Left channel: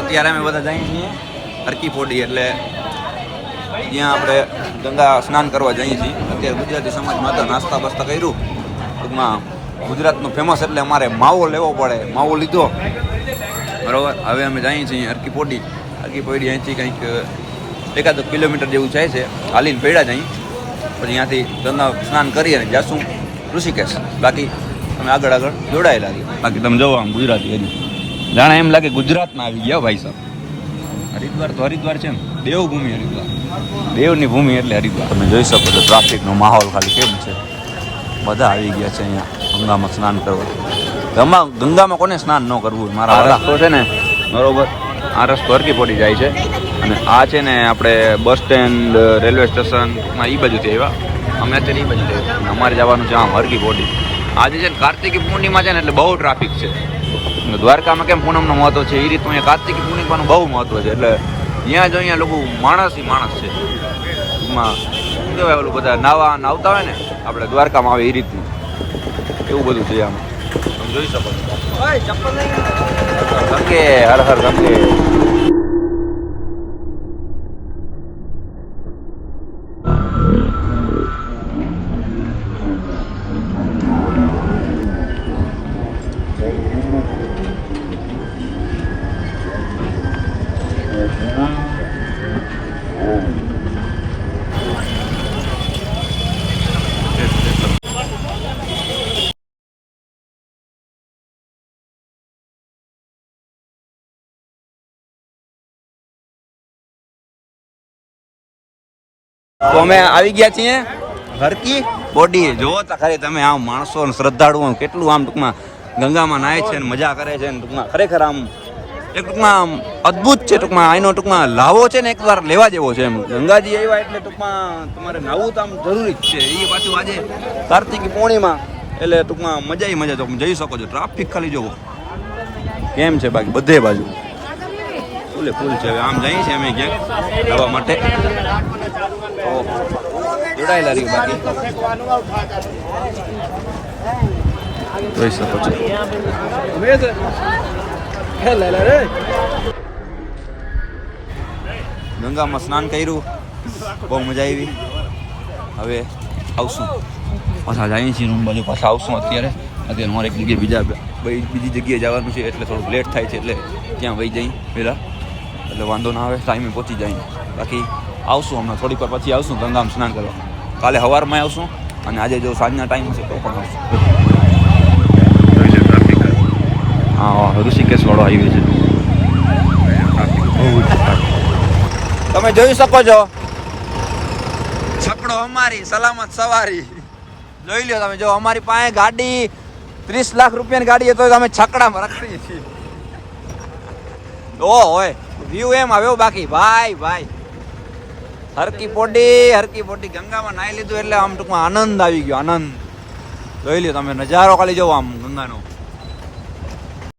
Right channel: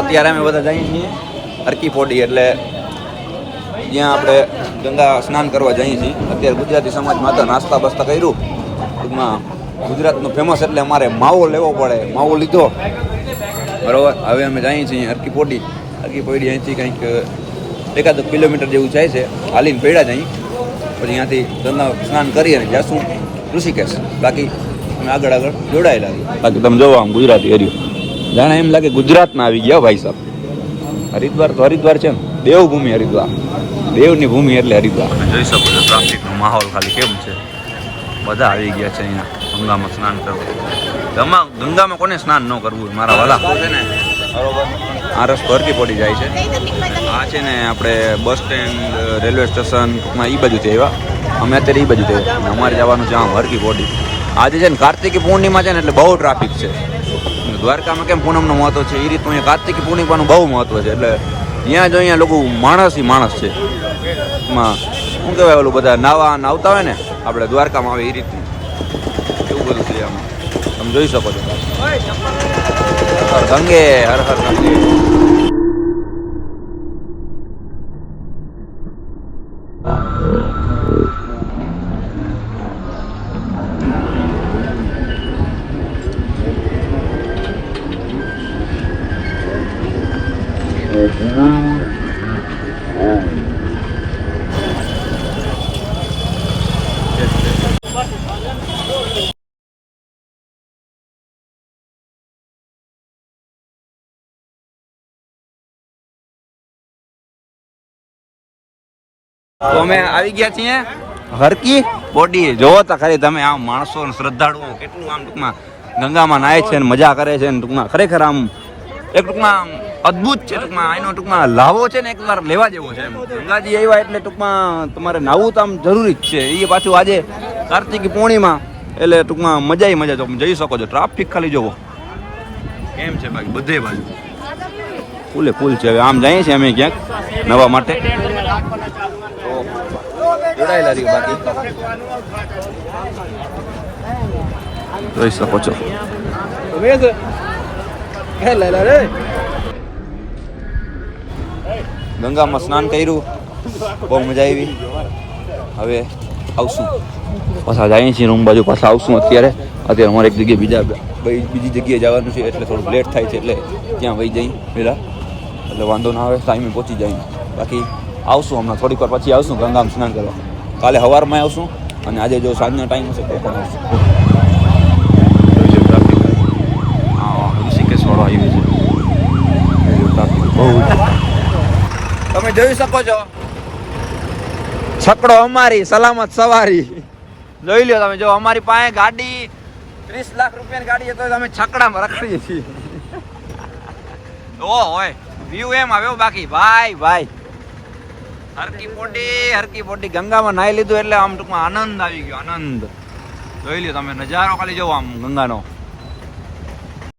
અત્યારે અમે બધા જઈએ છીએ હરકી ફોડી એટલે જ્યાં આપણે ગંગા સ્નાન કરવા જઈએ છીએ. અત્યારે ગુજરાતી સમાજમાં તો નાસ્તા બસ્તા કર્યું. ટૂંકમાં ગુજરાતનું ફેમસ એટલે અમારે માવો લેવો પડે. માવો લીધો. બરાબર? હવે અમે જઈએ છીએ હરકી પોડી હરકી પોડી અહીંથી કંઈક એકાદ કિલોમીટર જેવું જાય છે. હાલીને પડ્યા જઈ પછી અહીંયાથી ગંગા સ્નાન કરી અને જાશું ઋષિકેશ. બાકી અમે આગળ આગળ જોડાયેલા રહીએ બાકી તમે જોવા આમ ગુજરાતી હર્યું. જાણે એમ લાગે ગુજરાતના આવી ગયા ભાઈ સાહેબ. હરિદ્વાર તો હરિદ્વાર છે ને. દેવભૂમિ હરિદ્વાર. દેવની ભૂમિ એટલે હરિદ્વાર. તમે જોઈ શકો છો ટ્રાફિકનો માહોલ ખાલી કેમ છે? બધા આવી ગયા છે અહીંયા ગંગામાં સ્નાન કરવા. ગંગા ગંગામાં કોને સ્નાન ન કરવું મારા તો છે ને આ રસ્તો હરકી પડી જાય છે. અને આ છે ને આપણે બસ સ્ટેન્ડ રેલવે સ્ટેશન ટૂંકમાં એ બાજુથી આવ્યા. અમે અત્યારે એ બાજુથી આવ્યા. અને અમારે જવાનું છે આમ હરકી પોડી. આજે છે ને કાર્તિકી પૂર્ણિમા છે ને એટલે બહુ ટ્રાફિક છે. દ્વારકામાં કેમ પૂનમનું મહત્વ છે? એ રીતનું અહીંયા કાર્તિકી પૂર્ણિમાનું બહુ મહત્વ છે. એટલે ત્યાં જો અહીંયા લોકો માણસ માણસ છે. ટૂંકમાં શું કહેવાય ઓલું બધા નાવા આવતા હોય ને, આપણે દ્વારકામાં આવે એ રીતનું. એવું બધું છે આમાં. તમે જોઈ શકો છો. ગંગે, હર હર ગંગે. તો અમે આવી ગયા છીએ હરકી બોડી જોવો તો ખાલી તમે આમ માણસો શ્રદ્ધાળુઓ કેટલું આમ ટૂંકમાં ગંગામાં નાય છે ને મજા કરે છે ને ટૂંકમાં ખરેખર આમ એક ટૂંકમાં અદ્ભુત છે, ટૂંકમાં આનો ટૂંકમાં લાવો છે ને એકવાર લેવા જેવો છે એમ. ગંગાજી આવ્યા એટલે ટૂંકમાં તમારે નાવું તો આમ જરૂરી જ છે. એ પાછું આજે કાર્તિકી પૂર્ણિમા, એટલે ટૂંકમાં મજા મજા તમે જઈ શકો છો. ટ્રાફિક ખાલી જોવો. કેમ છે બાકી? બધે બાજુ. ફૂલે, ફૂલ છે. હવે આમ જઈએ છીએ અમે ક્યાંક નવા માટે. તો જોડાયેલા રહ્યો બાકી. જોઈ શકો છો. ગંગામાં સ્નાન કર્યું. બહુ મજા આવી. હવે આવશું. પાછા જઈએ છીએ રૂમ બાજુ, પાછા આવશું અત્યારે. અત્યારે અમારે એક જગ્યાએ બીજા બીજી જગ્યાએ જવાનું છે, એટલે થોડુંક લેટ થાય છે, એટલે ત્યાં વહી જઈ પહેલાં. એટલે વાંધો ના આવે ટાઈમે પહોંચી જાય બાકી આવશું હમણાં, થોડીક વાર પછી આવશું ગંગામાં સ્નાન કરવા. કાલે સવારમાં આવશું, અને આજે જો સાંજના ટાઈમ હશે તો પણ આવશું હા ઋષિકેશ વાળો આવી છે ટ્રાફિક બહુ જ તમે જોઈ શકો છો. છકડો અમારી, સલામત સવારી. જોઈ લો તમે, જો અમારી પાસે ગાડી, ત્રીસ લાખ રૂપિયાની ગાડી તો અમે છકડામાં રખડીએ છીએ. ઓ હોય વ્યૂ એમ આવ્યો બાકી. ભાઈ ભાઈ. હરકી પોડી હરકી પોડી ગંગામાં નાહી લીધું એટલે આમ ટૂંકમાં આનંદ આવી ગયો, આનંદ. જોઈ લ્યો તમે, નજારો ખાલી જોવો આમ ગંગાનો.